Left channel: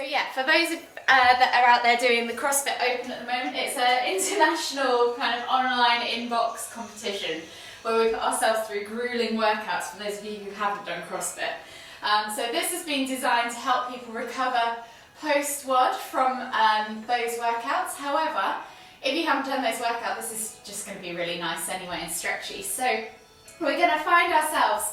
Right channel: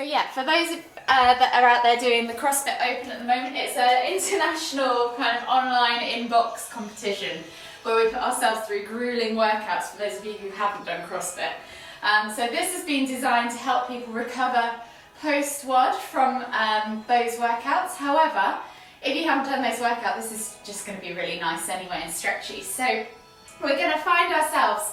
So yeah, for those that are out there doing the CrossFit Open at the moment, it's an international kind of online inbox competition where we put ourselves through grueling workouts for those of you who haven't done CrossFit. So this has been designed to help people recover post-WOD from those workouts. However, if you haven't done those workouts, this is just going to be really nice anyway and stretchy. So we're going to find ourselves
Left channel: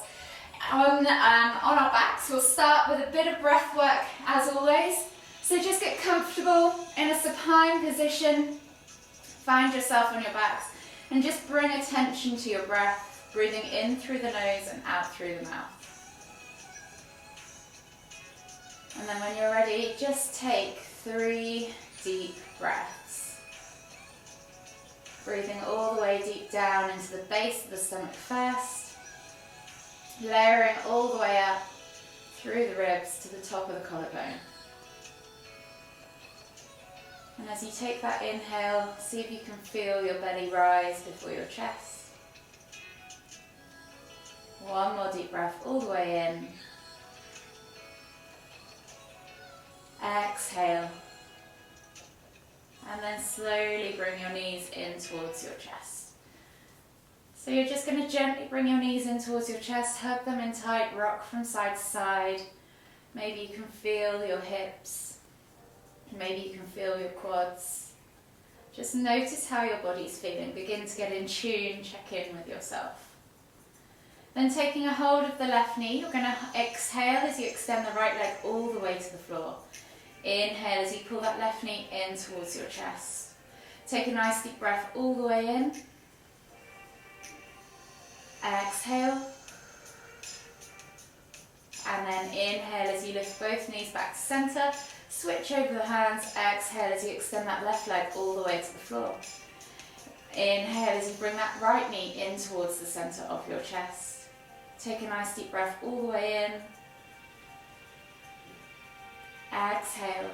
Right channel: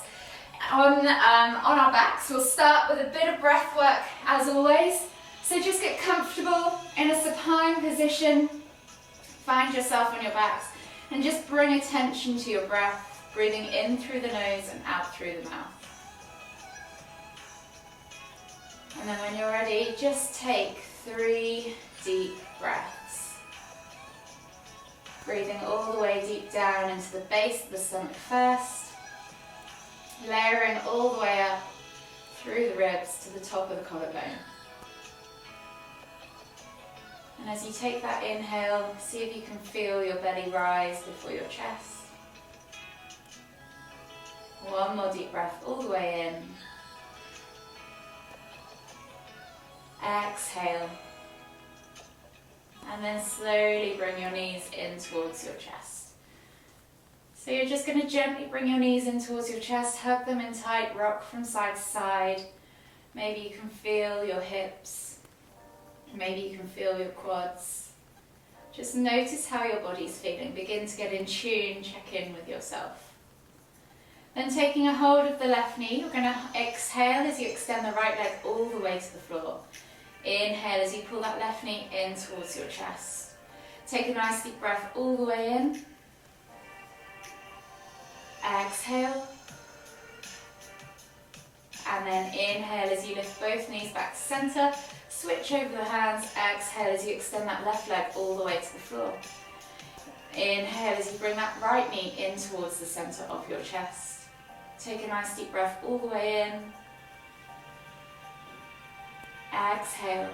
on our backs. We'll start with a bit of breath work as always. So just get comfortable in a supine position. Find yourself on your backs and just bring attention to your breath, breathing in through the nose and out through the mouth. And then when you're ready, just take 3 deep breaths. Breathing all the way deep down into the base of the stomach first. Layering all the way up through the ribs to the top of the collarbone. And as you take that inhale, see if you can feel your belly rise before your chest. One more deep breath all the way in. Exhale. And then slowly bring your knees in towards your chest. So you're just going to gently bring your knees in towards your chest, hug them in tight, rock from side to side. Maybe you can feel your hips. Maybe you can feel your quads. Just notice how your body's feeling. Begin to get in tune, check in with yourself. Then taking a hold of the left knee, you're going to exhale as you extend the right leg all the way to the floor. Inhale as you pull that left knee in towards your chest. Take a nice deep breath all the way in. Exhale. And then inhale as you lift both knees back to center. Switch over the hands. Exhale as you extend that left leg all the way to the floor. Inhale as you bring that right knee in towards the center of your chest. Take a nice deep breath all the way in. Exhale.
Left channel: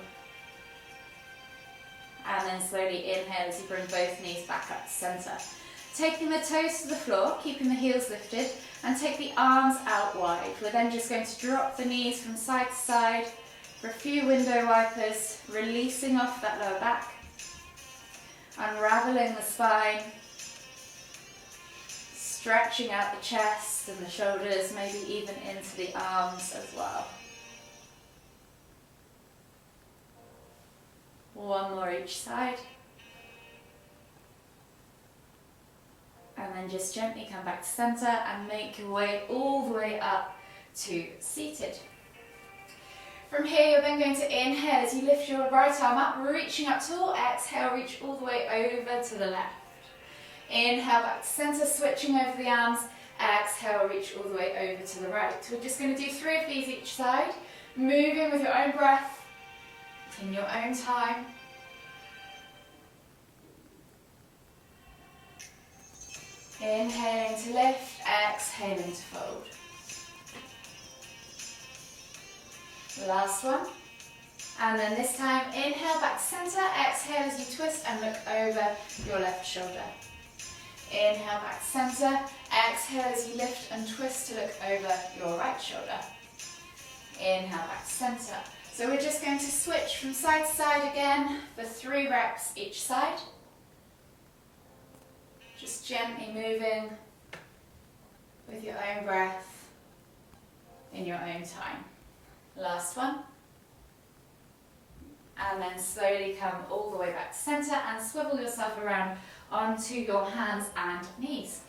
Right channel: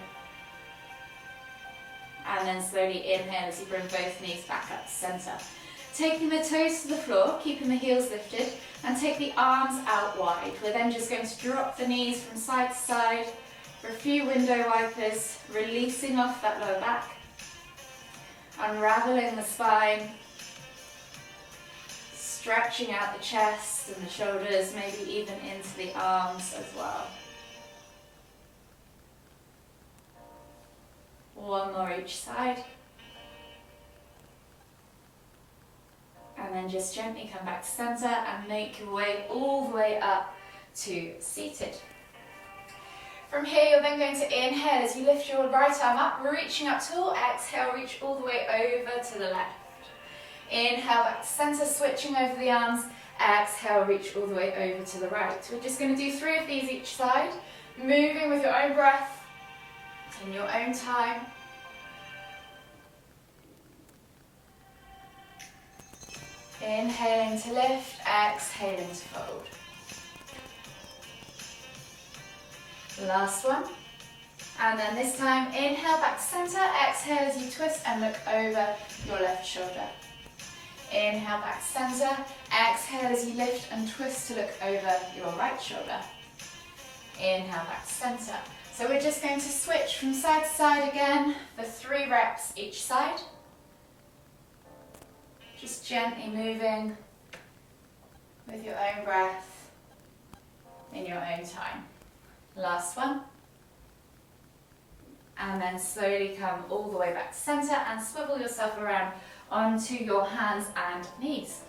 And then slowly inhale as you bring both knees back up to center. Taking the toes to the floor, keeping the heels lifted, and take the arms out wide. We're then just going to drop the knees from side to side for a few window wipers, releasing off that lower back, unraveling the spine, stretching out the chest and the shoulders, maybe even into the arms as well. One more each side. And then just gently come back to center and make your way all the way up to seated. From here, you're then going to inhale as you lift your right arm up, reaching up tall. Exhale, reach all the way over to the left. Inhale, back to center, switching over the arms. Exhale, reach all the way over to the right. We're just going to do 3 of these each side, moving with your own breath, in your own time. Inhaling to lift, exhaling to fold. Last one. And then this time, inhale back to center, exhale as you twist and look over your left shoulder. Inhale back to center, exhale as you lift and twist to look over your right shoulder. Inhale back to center. So we're just going to switch from side to side again for 3 reps each side. Just gently moving with your own breath in your own time. Last one. And then slowly come all the way back to center and swivel yourself around onto your hands and knees.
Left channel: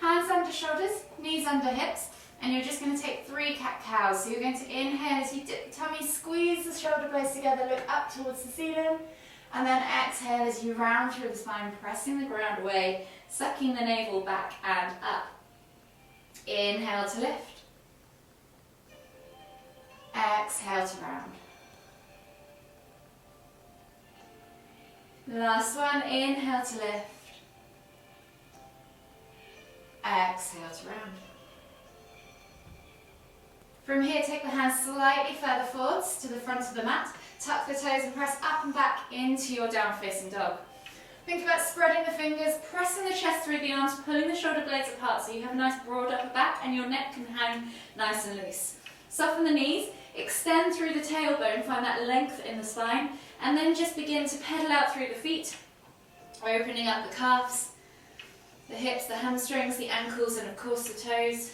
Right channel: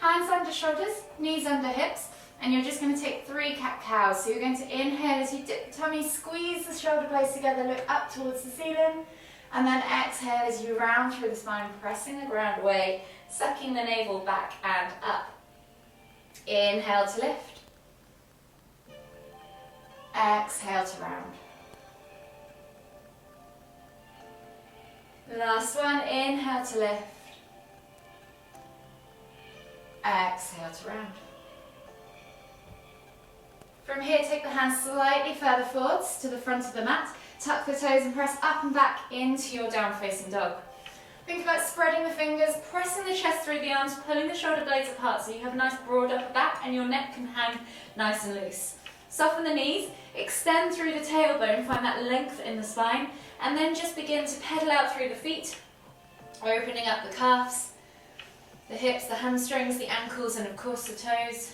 Hands under shoulders, knees under hips, and you're just going to take 3 cat-cows. So you're going to inhale as you dip the tummy, squeeze the shoulder blades together, look up towards the ceiling, and then exhale as you round through the spine, pressing the ground away, sucking the navel back and up. Inhale to lift. Exhale to round. Last one, inhale to lift. Exhale to round. From here, take the hands slightly further forwards to the front of the mat. Tuck the toes and press up and back into your down facing dog. Think about spreading the fingers, pressing the chest through the arms, pulling the shoulder blades apart so you have a nice broad upper back and your neck can hang nice and loose. Soften the knees, extend through the tailbone, find that length in the spine, and then just begin to pedal out through the feet, opening up the calves, the hips, the hamstrings, the ankles, and of course the toes.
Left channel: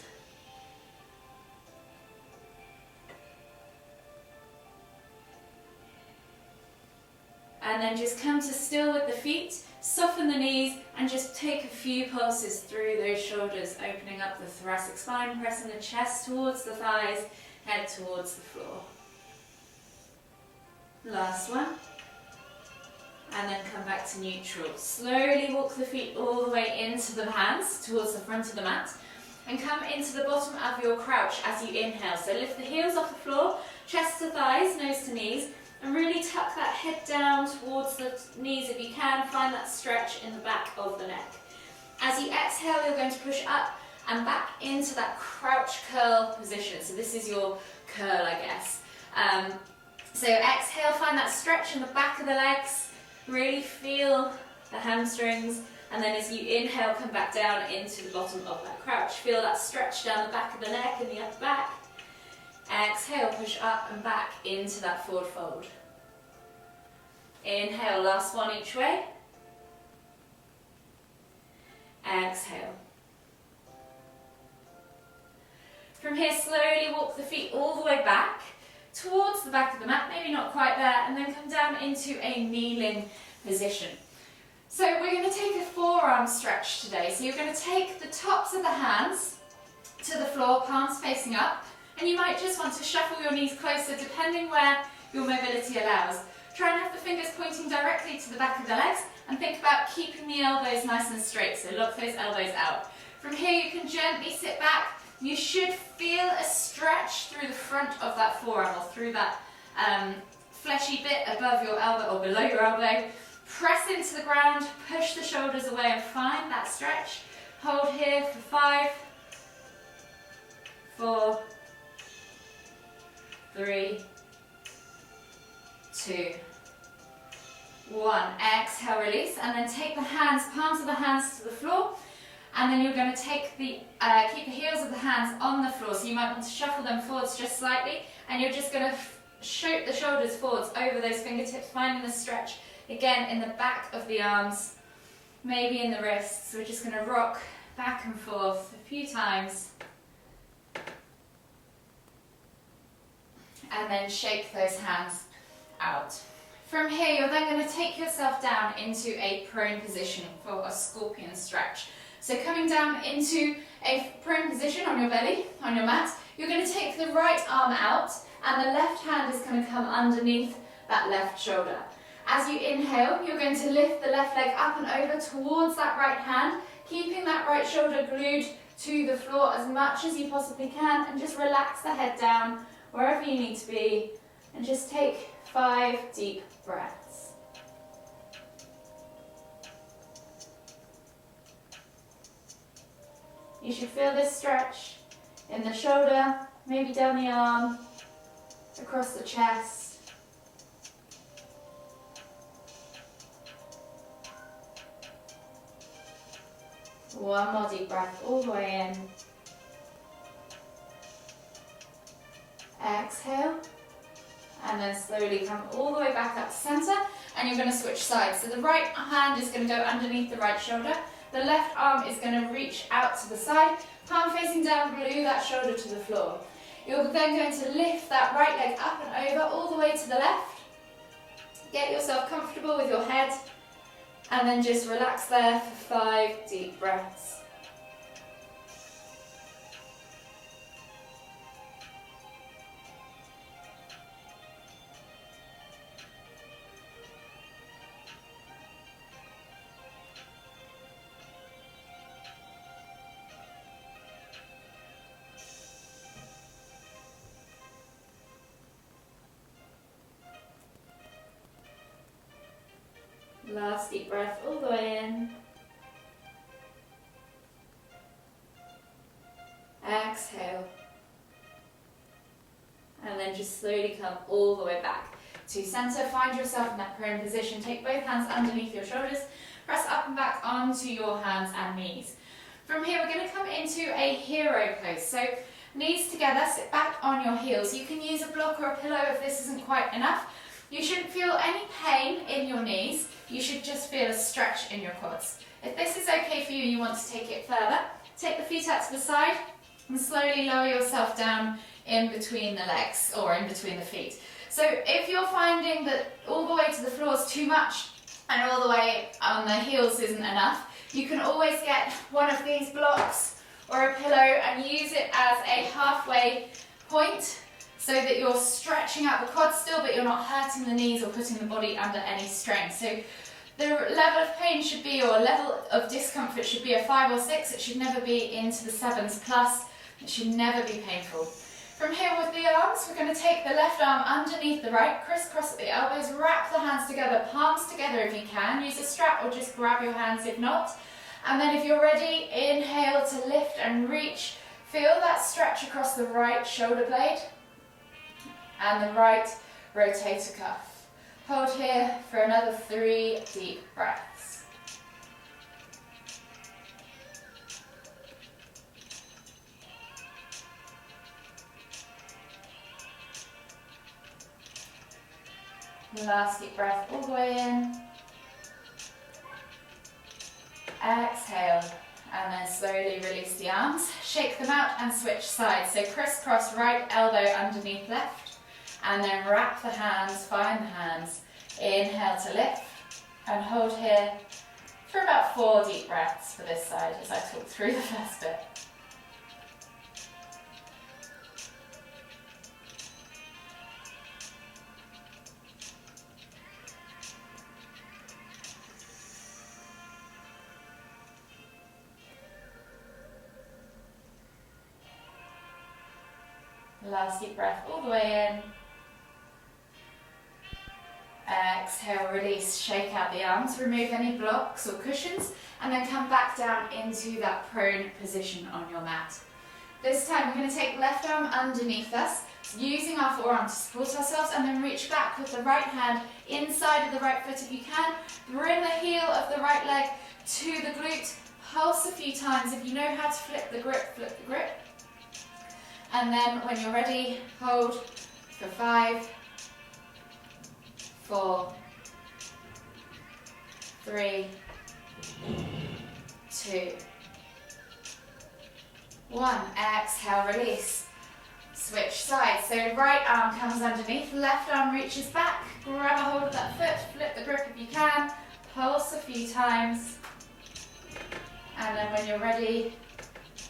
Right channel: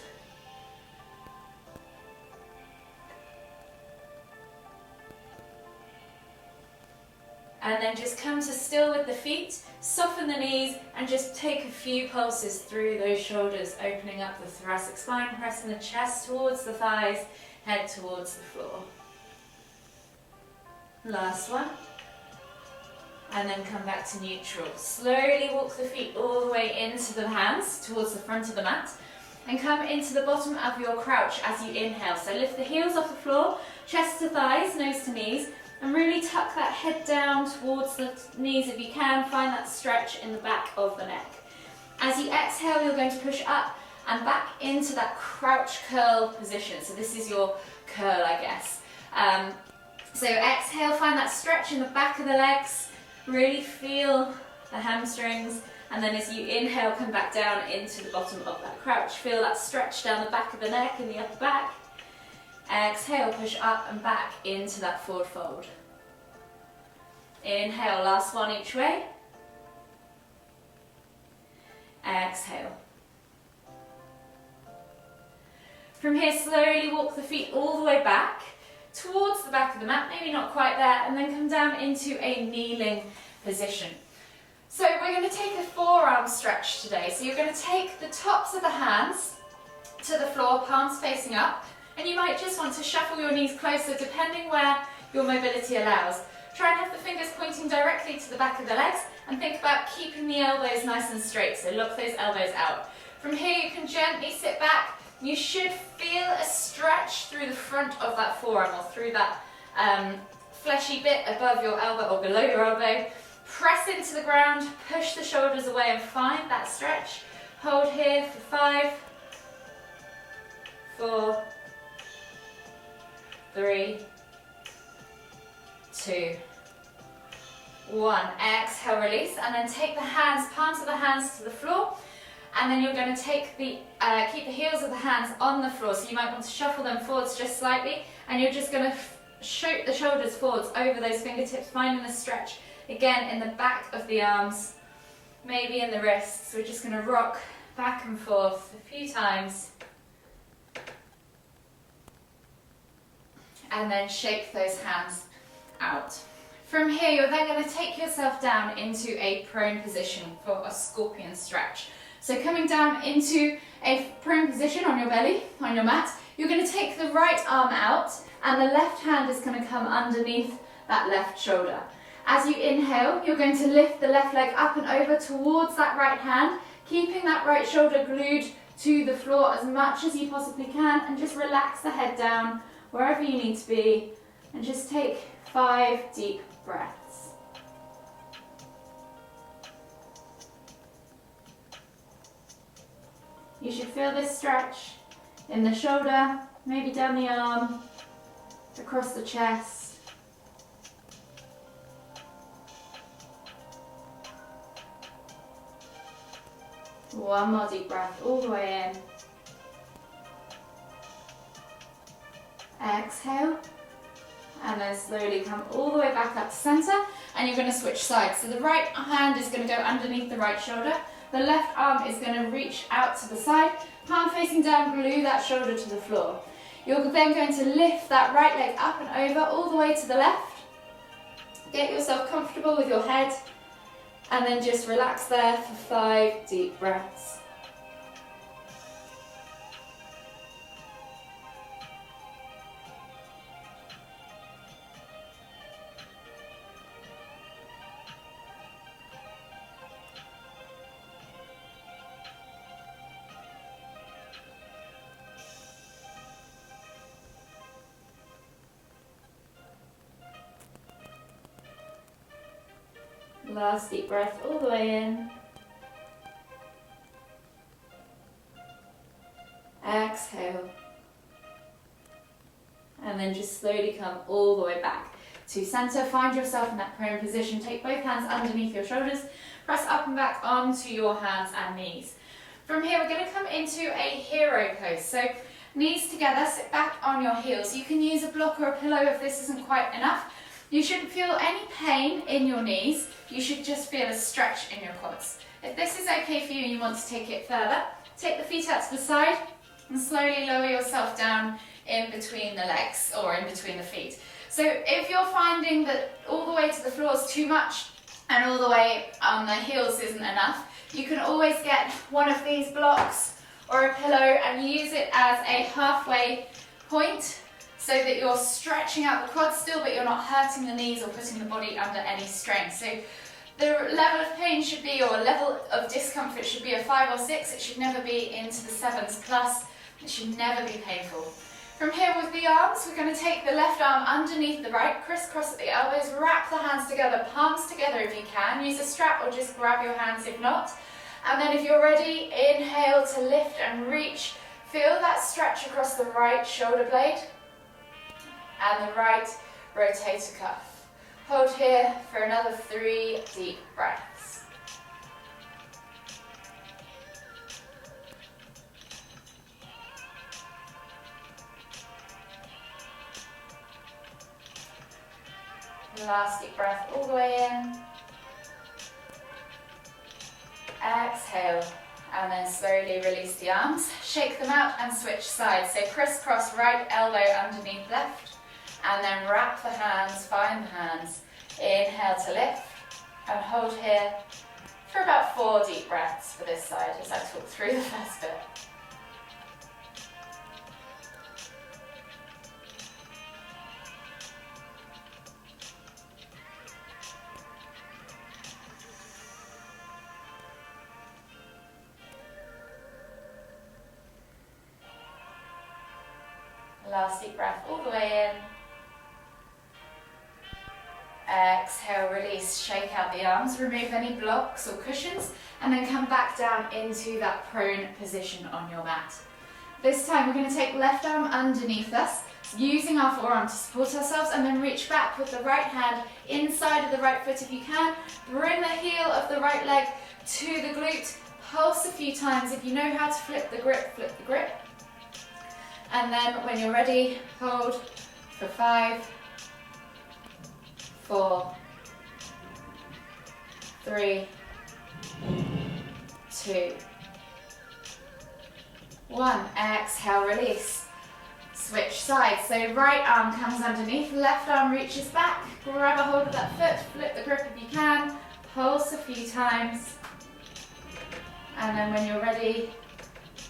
And then just come to still with the feet, soften the knees, and just take a few pulses through those shoulders, opening up the thoracic spine, pressing the chest towards the thighs, head towards the floor. Last one. And then come back to neutral. Slowly walk the feet all the way into the hands, towards the front of the mat, and come into the bottom of your crouch as you inhale. So lift the heels off the floor, chest to thighs, nose to knees, and really tuck that head down towards the knees if you can. Find that stretch in the back of the neck. As you exhale, you're going to push up and back into that crouch curl position. So this is your curl, I guess. So exhale, find that stretch in the back of the legs. Really feel the hamstrings. And then as you inhale, come back down into the bottom of that crouch. Feel that stretch down the back of the neck and the upper back. Exhale, push up and back into that forward fold. Inhale, last one each way. Exhale. From here, slowly walk the feet all the way back towards the back of the mat, maybe not quite there, and then come down into a kneeling position. So we're going to take a forearm stretch today. So you're going to take the tops of the hands to the floor, palms facing up, and you might just want to shuffle your knees closer depending where your mobility allows. Try and have the fingers pointing directly to the back of the legs, and think about keeping the elbows nice and straight, so lock those elbows out. From here you can gently sit back. You should feel a stretch through the front of that forearm, or through that fleshy bit above your elbow or below your elbow. Press into the ground, push the shoulders away and find that stretch. Hold here for 5, 4, 3, 2, 1. Exhale, release, and then take the hands, palms of the hands to the floor, and then you're going to take the keep the heels of the hands on the floor. So you might want to shuffle them forwards just slightly, and you're just going to shoot the shoulders forwards over those fingertips, finding the stretch again in the back of the arms, maybe in the wrists. We're just going to rock back and forth a few times, and then shake those hands out. From here, you're then going to take yourself down into a prone position for a scorpion stretch. So coming down into a prone position on your belly, on your mat, you're going to take the right arm out, and the left hand is going to come underneath that left shoulder. As you inhale, you're going to lift the left leg up and over towards that right hand, keeping that right shoulder glued to the floor as much as you possibly can, and just relax the head down wherever you need to be, and just take 5 deep breaths. You should feel this stretch in the shoulder, maybe down the arm, across the chest. One more deep breath all the way in. Exhale. And then slowly come all the way back up to center, and you're going to switch sides. So the right hand is going to go underneath the right shoulder. The left arm is going to reach out to the side, palm facing down, glue that shoulder to the floor. You're then going to lift that right leg up and over all the way to the left. Get yourself comfortable with your head, and then just relax there for 5 deep breaths. Last deep breath all the way in. Exhale. And then just slowly come all the way back to center. Find yourself in that prone position. Take both hands underneath your shoulders. Press up and back onto your hands and knees. From here, we're going to come into a hero pose. So Knees together, sit back on your heels. You can use a block or a pillow if this isn't quite enough. You shouldn't feel any pain in your knees. You should just feel a stretch in your quads. If this is okay for you and you want to take it further, take the feet out to the side and slowly lower yourself down in between the legs or in between the feet. So if you're finding that all the way to the floor is too much and all the way on the heels isn't enough, you can always get one of these blocks or a pillow and use it as a halfway point so that you're stretching out the quads still, but you're not hurting the knees or putting the body under any strain. So the level of pain should be, or level of discomfort should be a 5 or 6. It should never be into the 7s plus. It should never be painful. From here with the arms, we're going to take the left arm underneath the right, crisscross at the elbows, wrap the hands together, palms together if you can. Use a strap or just grab your hands if not. And then if you're ready, inhale to lift and reach. Feel that stretch across the right shoulder blade and the right rotator cuff. Hold here for another 3 deep breaths. Last deep breath all the way in. Exhale, and then slowly release the arms. Shake them out and switch sides. So crisscross right elbow underneath left, and then wrap the hands, find the hands. Inhale to lift, and hold here for about 4 deep breaths for this side as I talk through the first bit. Last deep breath all the way in. Exhale, release, shake out the arms, remove any blocks or cushions, and then come back down into that prone position on your mat. This time we're going to take left arm underneath us, using our forearm to support ourselves, and then reach back with the right hand inside of the right foot if you can. Bring the heel of the right leg to the glute, pulse a few times. If you know how to flip the grip, flip the grip. And then when you're ready, hold for 5, 4, 3, 2, 1. Exhale, release. Switch sides. So right arm comes underneath, left arm reaches back. Grab a hold of that foot, flip the grip if you can. Pulse a few times. And then when you're ready,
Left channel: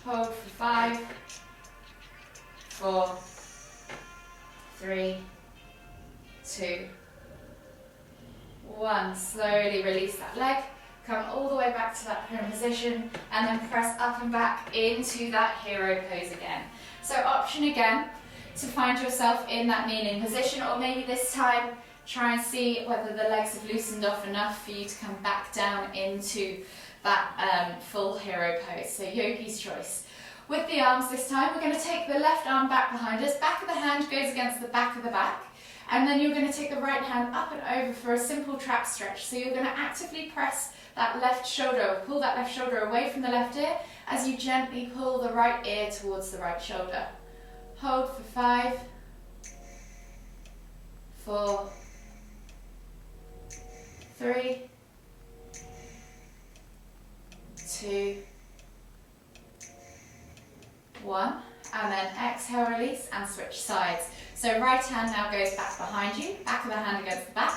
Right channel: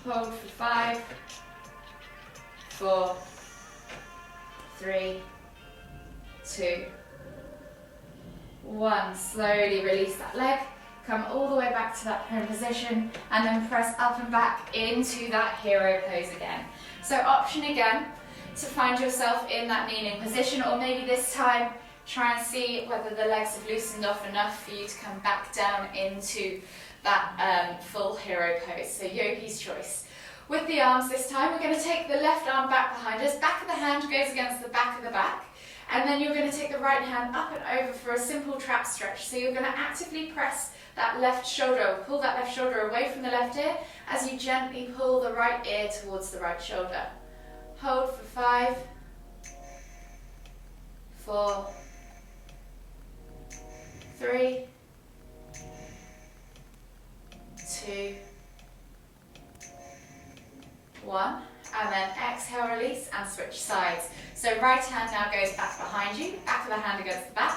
hold for 5, 4, 3, 2, 1. Slowly release that leg. Come all the way back to that prone position and then press up and back into that hero pose again. So option again to find yourself in that kneeling position, or maybe this time try and see whether the legs have loosened off enough for you to come back down into that full hero pose. So yogi's choice. With the arms this time, we're going to take the left arm back behind us. Back of the hand goes against the back of the back. And then you're going to take the right hand up and over for a simple trap stretch. So you're going to actively press that left shoulder, pull that left shoulder away from the left ear as you gently pull the right ear towards the right shoulder. Hold for 5, 4, 3, 2, 1, and then exhale, release, and switch sides. So right hand now goes back behind you, back of the hand against the back,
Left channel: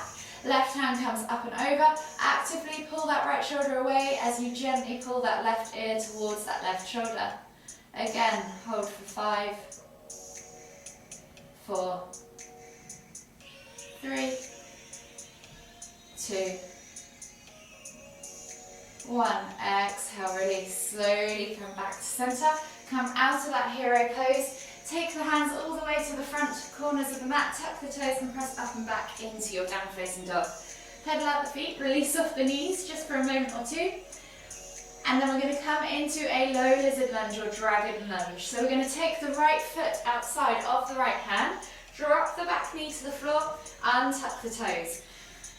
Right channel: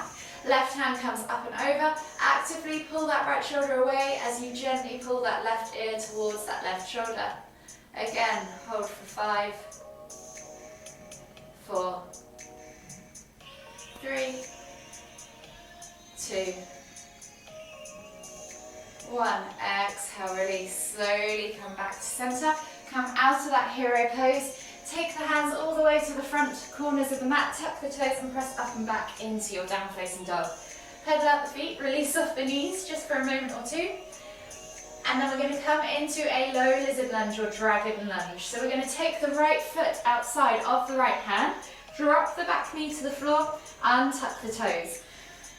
left hand comes up and over. Actively pull that right shoulder away as you gently pull that left ear towards that left shoulder. Again, hold for 5, 4, 3, 2, 1. Exhale, release. Slowly come back to center. Come out of that hero pose. Take the hands all the way to the front corners of the mat. Tuck the toes and press up and back into your down facing dog. Pedal out the feet. Release off the knees just for a moment or two. And then we're going to come into a low lizard lunge or dragon lunge. So we're going to take the right foot outside of the right hand. Drop the back knee to the floor. Untuck the toes.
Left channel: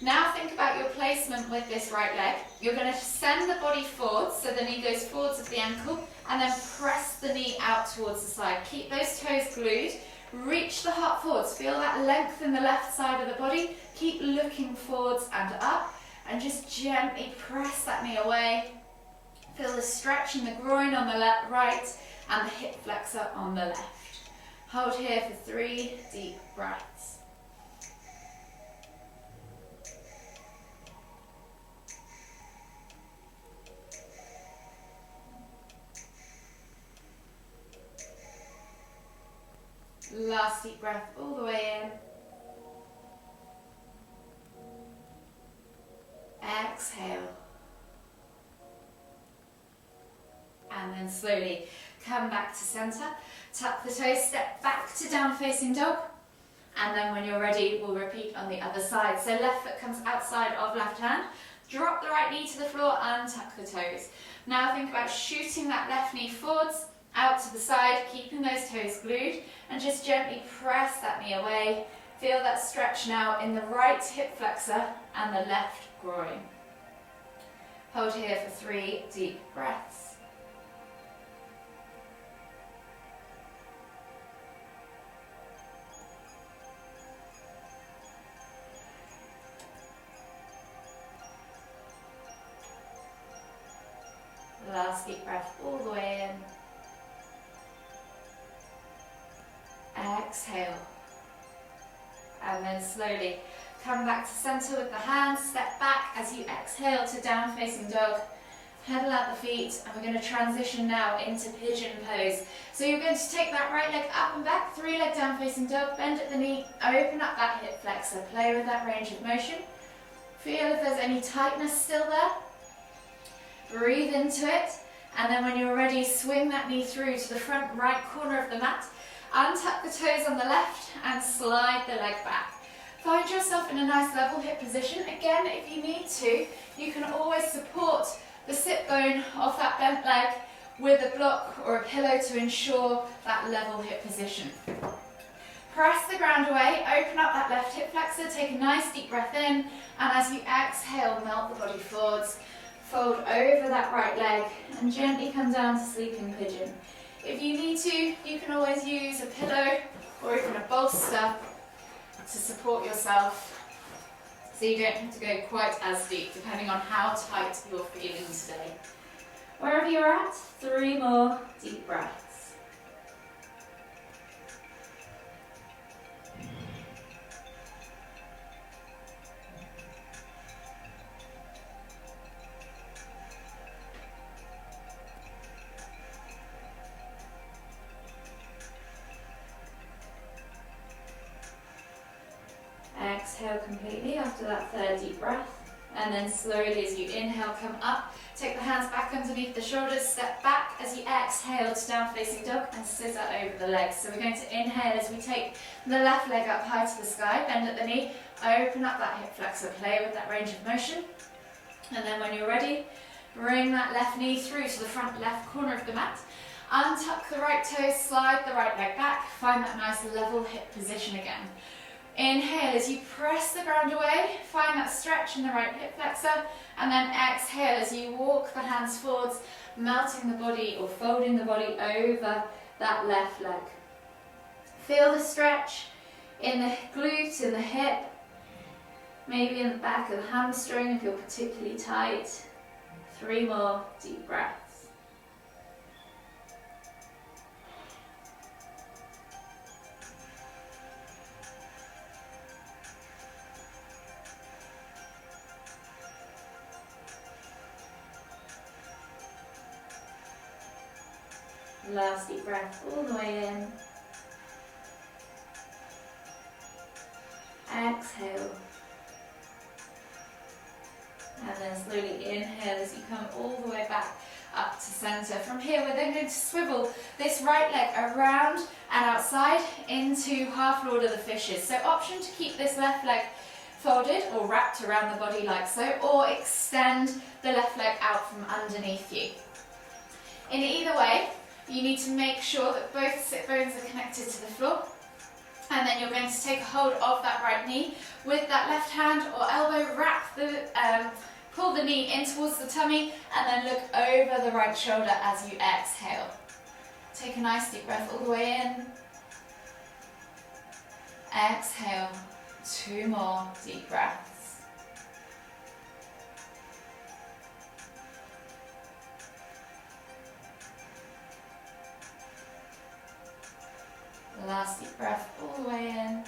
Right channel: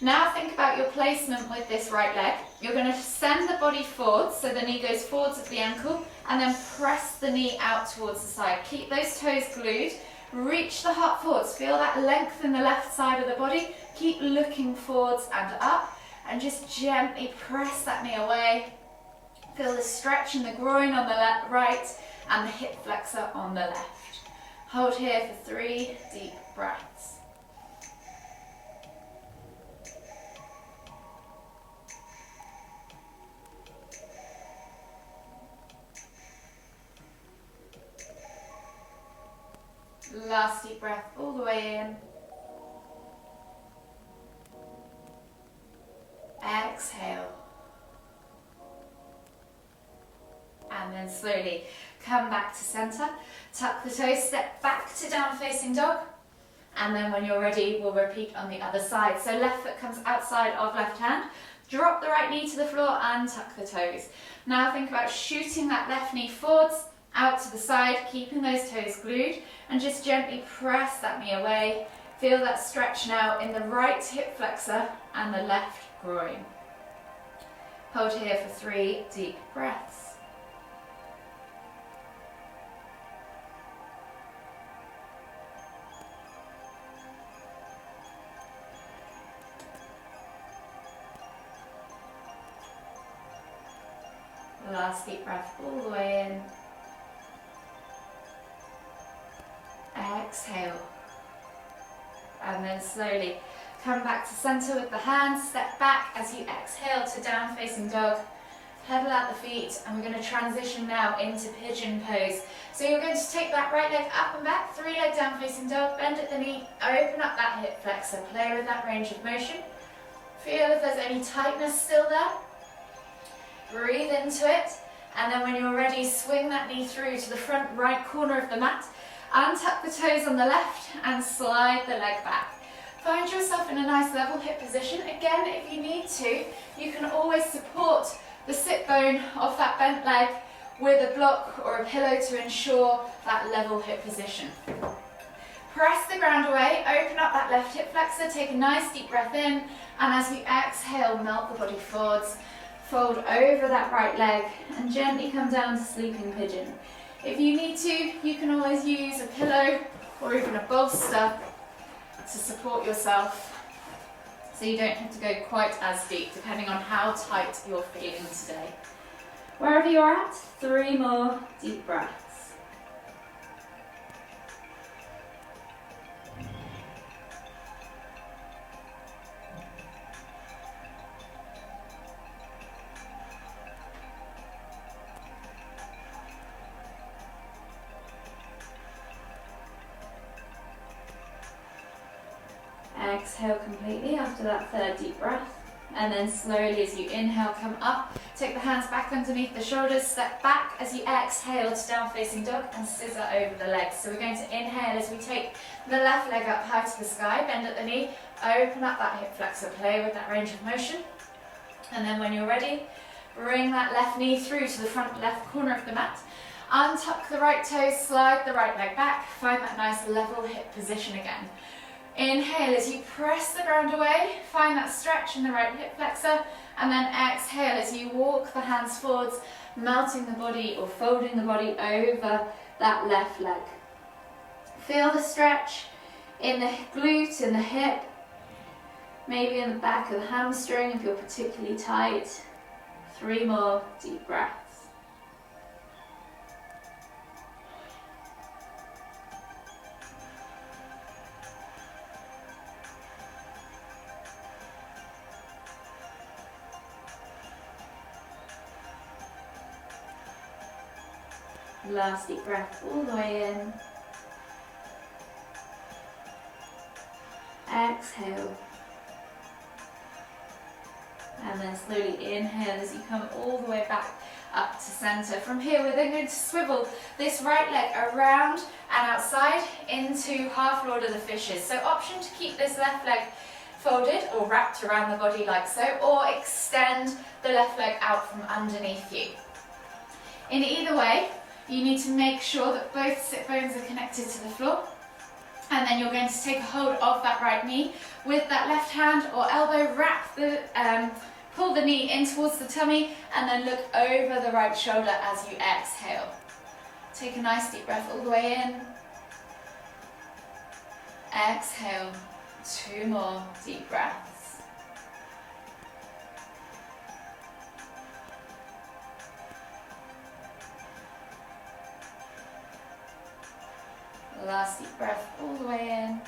Now think about your placement with this right leg. You're going to send the body forwards, so the knee goes forwards of the ankle, and then press the knee out towards the side. Keep those toes glued. Reach the heart forwards. Feel that length in the left side of the body. Keep looking forwards and up, and just gently press that knee away. Feel the stretch in the groin on the right and the hip flexor on the left. Hold here for 3 deep breaths. Last deep breath all the way in. Exhale. And then slowly come back to center. Tuck the toes, step back to down facing dog. And then when you're ready, we'll repeat on the other side. So left foot comes outside of left hand. Drop the right knee to the floor and tuck the toes. Now think about shooting that left knee forwards, out to the side, keeping those toes glued, and just gently press that knee away. Feel that stretch now in the right hip flexor and the left groin. Hold here for 3 deep breaths. Last deep breath all the way in. Exhale. And then slowly come back to center with the hands. Step back as you exhale to down facing dog. Pedal out the feet, and we're going to transition now into pigeon pose. So you're going to take that right leg up and back, 3 leg down facing dog, bend at the knee, open up that hip flexor, play with that range of motion. Feel if there's any tightness still there. Breathe into it, and then when you're ready, swing that knee through to the front right corner of the mat. Untuck the toes on the left and slide the leg back. Find yourself in a nice level hip position. Again, if you need to, you can always support the sit bone of that bent leg with a block or a pillow to ensure that level hip position. Press the ground away, open up that left hip flexor, take a nice deep breath in, and as you exhale, melt the body forwards. Fold over that right leg and gently come down to sleeping pigeon. If you need to, you can always use a pillow or even a bolster to support yourself so you don't have to go quite as deep, depending on how tight you're feeling today. Wherever you're at, 3 more deep breaths. Exhale completely after that 3rd deep breath, and then slowly as you inhale, come up, take the hands back underneath the shoulders, step back as you exhale to down facing dog and scissor over the legs. So we're going to inhale as we take the left leg up high to the sky, bend at the knee, open up that hip flexor, play with that range of motion, and then when you're ready, bring that left knee through to the front left corner of the mat, untuck the right toes, slide the right leg back, find that nice level hip position again. Inhale as you press the ground away, find that stretch in the right hip flexor, and then exhale as you walk the hands forwards, melting the body or folding the body over that left leg. Feel the stretch in the glute, in the hip, maybe in the back of the hamstring if you're particularly tight. 3 more deep breaths. Last deep breath all the way in. Exhale. And then slowly inhale as you come all the way back up to center. From here, we're then going to swivel this right leg around and outside into half Lord of the Fishes. So option to keep this left leg folded or wrapped around the body like so, or extend the left leg out from underneath you. In either way, you need to make sure that both sit bones are connected to the floor, and then you're going to take a hold of that right knee with that left hand or elbow, wrap the Pull the knee in towards the tummy and then look over the right shoulder as you exhale. Take a nice deep breath all the way in. Exhale. 2 more deep breaths. Last deep breath all the way in.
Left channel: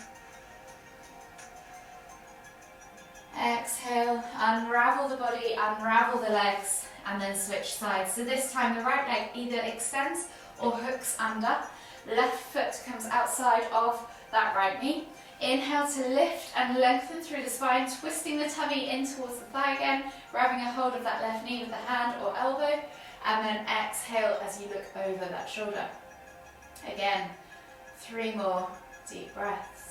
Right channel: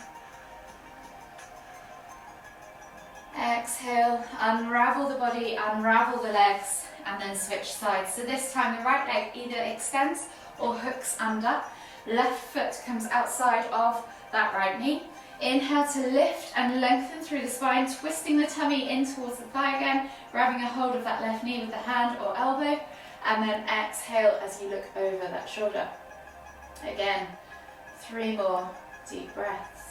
Exhale, unravel the body, unravel the legs, and then switch sides. So this time the right leg either extends or hooks under. Left foot comes outside of that right knee. Inhale to lift and lengthen through the spine, twisting the tummy in towards the thigh again, grabbing a hold of that left knee with the hand or elbow, and then exhale as you look over that shoulder. Again, 3 more deep breaths.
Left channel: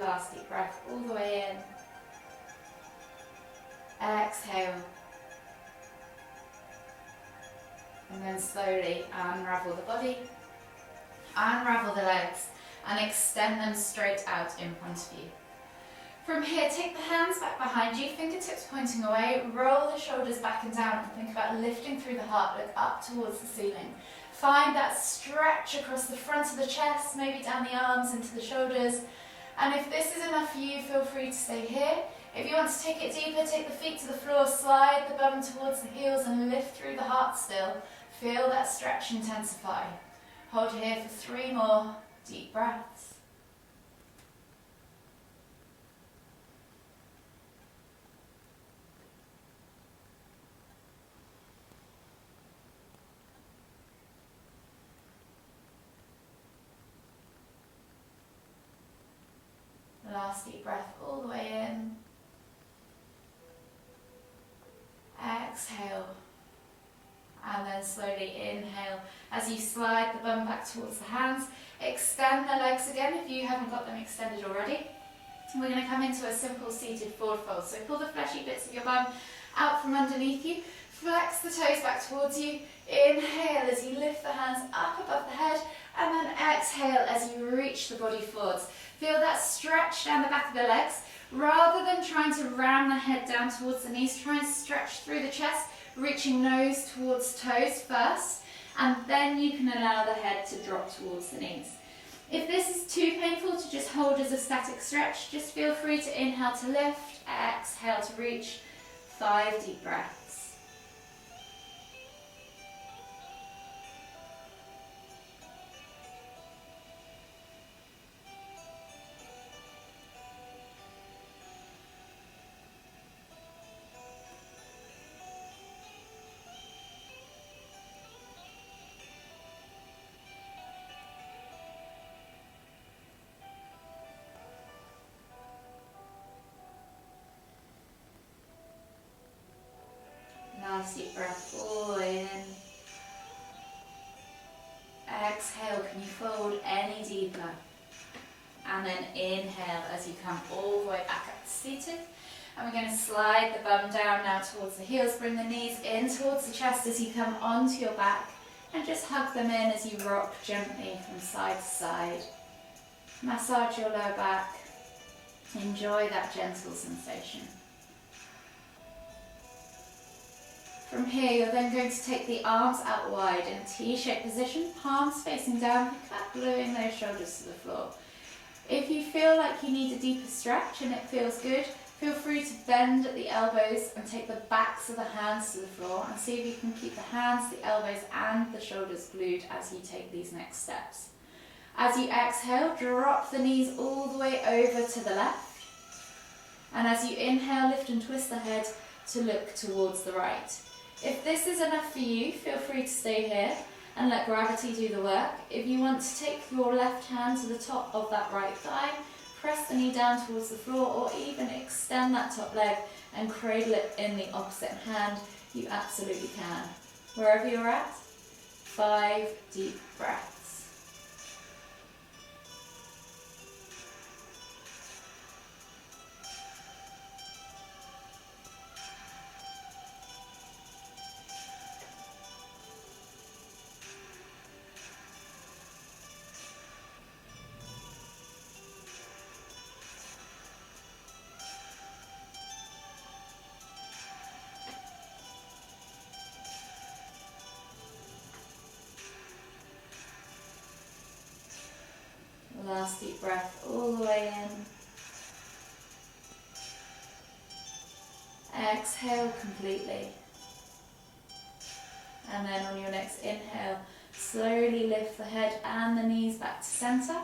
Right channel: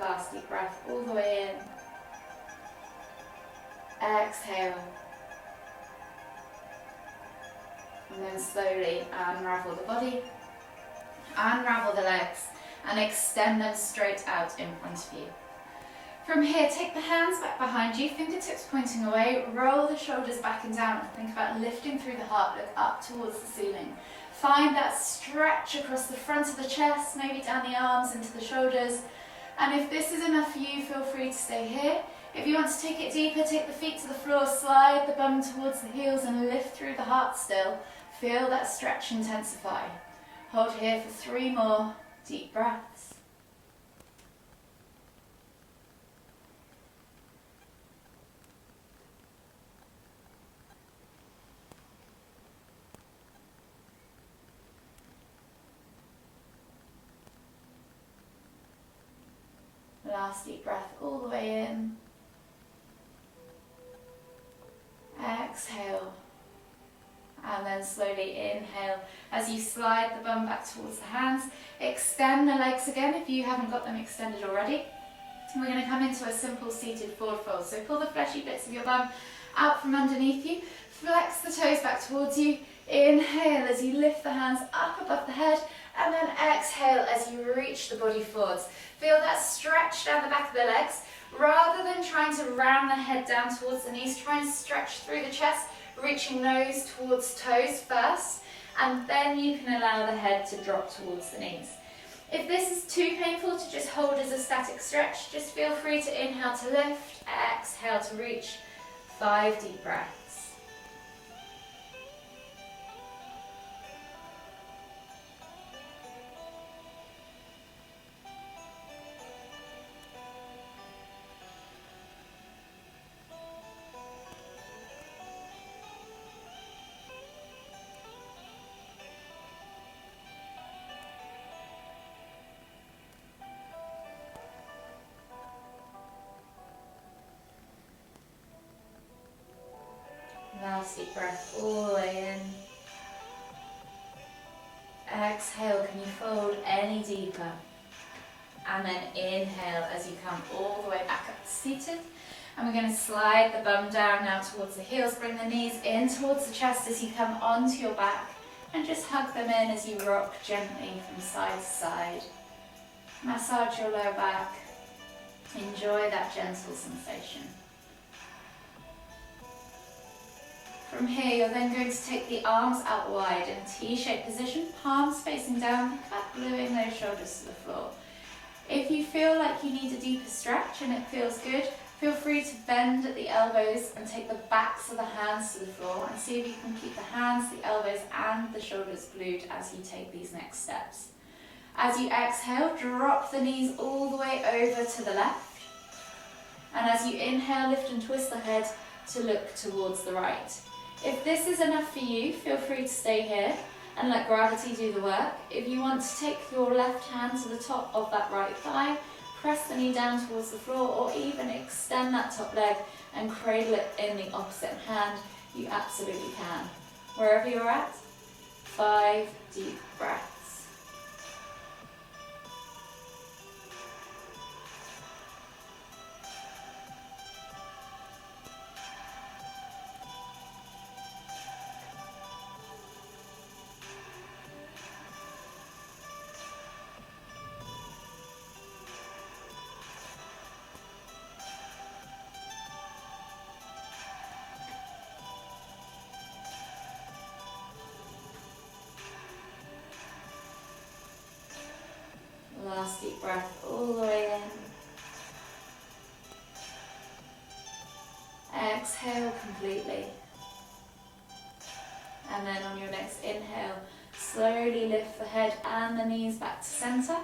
Last deep breath all the way in. Exhale. And then slowly unravel the body, unravel the legs, and extend them straight out in front of you. From here, take the hands back behind you, fingertips pointing away, roll the shoulders back and down, and think about lifting through the heart, look up towards the ceiling. Find that stretch across the front of the chest, maybe down the arms into the shoulders. And if this is enough for you, feel free to stay here. If you want to take it deeper, take the feet to the floor, slide the bum towards the heels and lift through the heart still. Feel that stretch intensify. Hold here for 3 more deep breaths. Last deep breath all the way in. Exhale. And then slowly inhale as you slide the bum back towards the hands. Extend the legs again if you haven't got them extended already. We're going to come into a simple seated forward fold. So pull the fleshy bits of your bum out from underneath you. Flex the toes back towards you. Inhale as you lift the hands up above the head. And then exhale as you reach the body forwards. Feel that stretch down the back of the legs. Rather than trying to ram the head down towards the knees, try and stretch through the chest, reaching nose towards toes first, and then you can allow the head to drop towards the knees. If this is too painful to just hold as a static stretch, just feel free to inhale to lift, exhale to reach. 5 deep breaths. Last deep breath all the way in. Exhale, can you fold any deeper? And then inhale as you come all the way back up to seated. And we're going to slide the bum down now towards the heels. Bring the knees in towards the chest as you come onto your back. And just hug them in as you rock gently from side to side. Massage your lower back. Enjoy that gentle sensation. From here, you're then going to take the arms out wide in a T-shaped position, palms facing down, think about gluing those shoulders to the floor. If you feel like you need a deeper stretch and it feels good, feel free to bend at the elbows and take the backs of the hands to the floor and see if you can keep the hands, the elbows and the shoulders glued as you take these next steps. As you exhale, drop the knees all the way over to the left. And as you inhale, lift and twist the head to look towards the right. If this is enough for you, feel free to stay here and let gravity do the work. If you want to take your left hand to the top of that right thigh, press the knee down towards the floor, or even extend that top leg and cradle it in the opposite hand, you absolutely can. Wherever you're at, 5 deep breaths. breath all the way in. Exhale completely. And then on your next inhale, slowly lift the head and the knees back to center.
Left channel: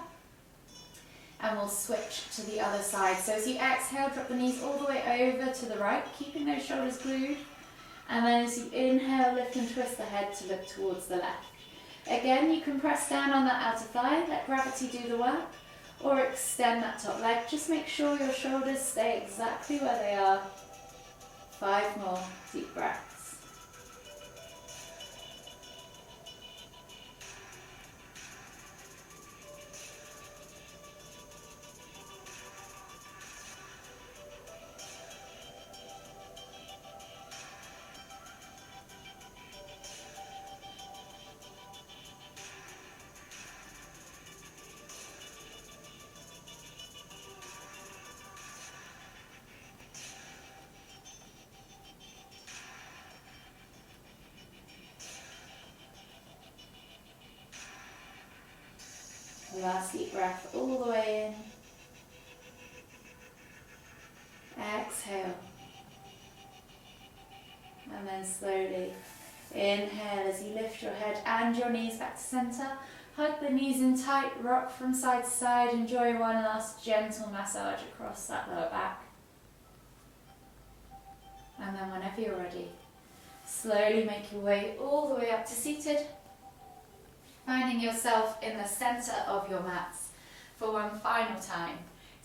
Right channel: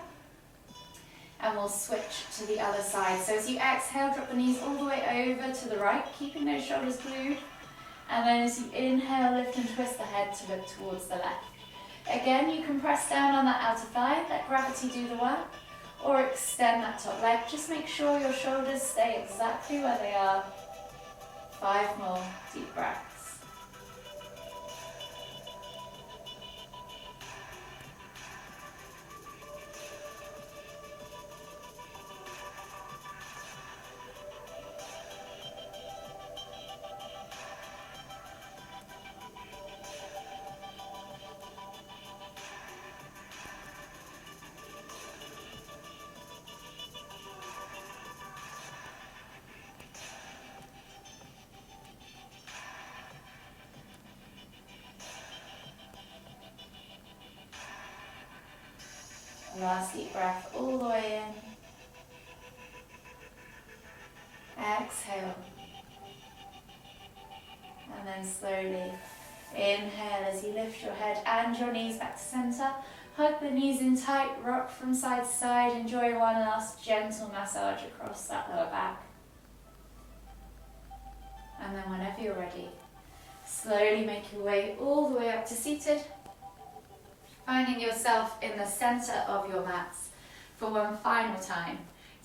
And we'll switch to the other side. So as you exhale, drop the knees all the way over to the right, keeping those shoulders glued. And then as you inhale, lift and twist the head to look towards the left. Again, you can press down on that outer thigh, let gravity do the work, or extend that top leg. Just make sure your shoulders stay exactly where they are. 5 more deep breaths. Last deep breath all the way in. Exhale. And then slowly inhale as you lift your head and your knees back to center. Hug the knees in tight, rock from side to side. Enjoy one last gentle massage across that lower back. And then whenever you're ready, slowly make your way all the way up to seated. Finding yourself in the center of your mats for one final time.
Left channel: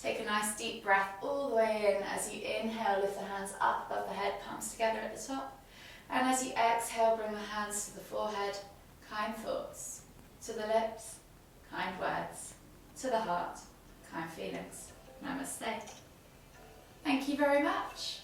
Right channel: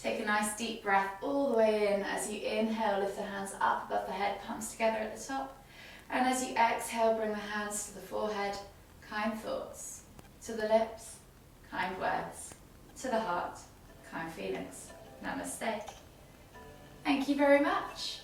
Take a nice deep breath all the way in. As you inhale, lift the hands up above the head, palms together at the top. And as you exhale, bring the hands to the forehead. Kind thoughts. To the lips, kind words. To the heart, kind feelings. Namaste. Thank you very much.